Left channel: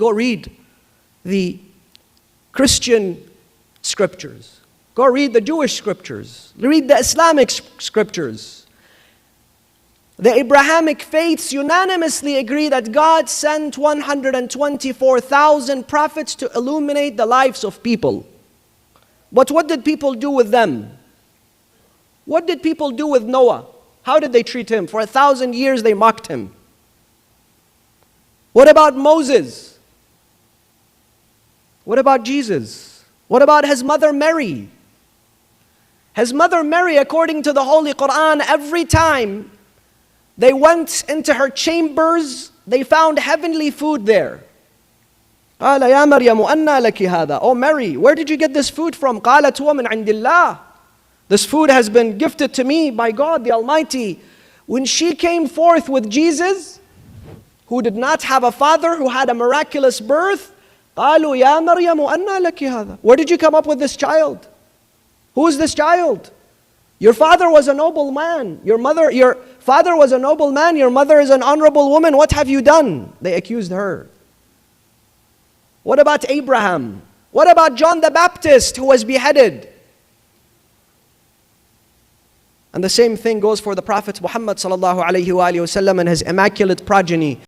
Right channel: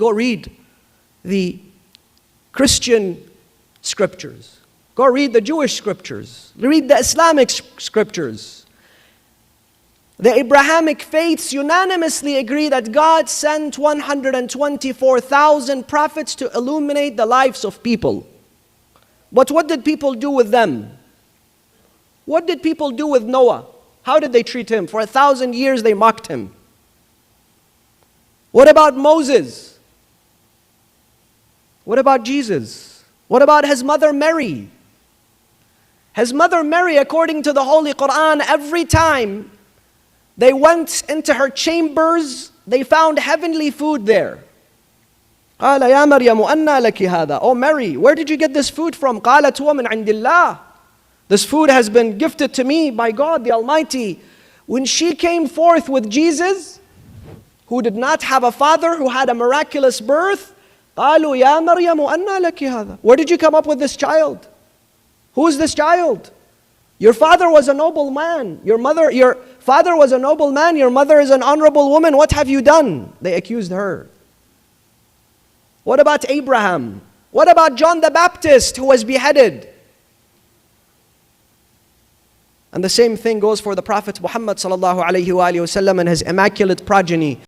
go read the Christian scriptures. Go read the Jewish scriptures. Read the Islamic scriptures. The Abrahamic faiths unanimously agree that God sent 124,000 prophets to illuminate the lives of people. But what did people do with them? What did people do with Noah? How did they treat him? For 1,000 years they mocked him. What about Moses? What about Jesus? What about his mother Mary? His mother Mary, according to the Holy Quran, every time they went into her chambers, they found heavenly food there. قال يا مريم أنى لك هذا. Oh Mary, where did you get this food from? قالت هو من عند الله. This food has been gifted to me by God the Almighty. When she came forth with Jesus, who did not have a father, who had a miraculous birth, قالوا يا مريم أنى لك هذا. Where did you come up with this child? Who is this child? Your father was a noble man. Your father was a noble man. Your mother is an honorable woman. What have you done? They accused her. What about Abraham? What about John the Baptist who was beheaded? And the same thing goes for the Prophet Muhammad sallallahu alaihi wasallam and his immaculate progeny.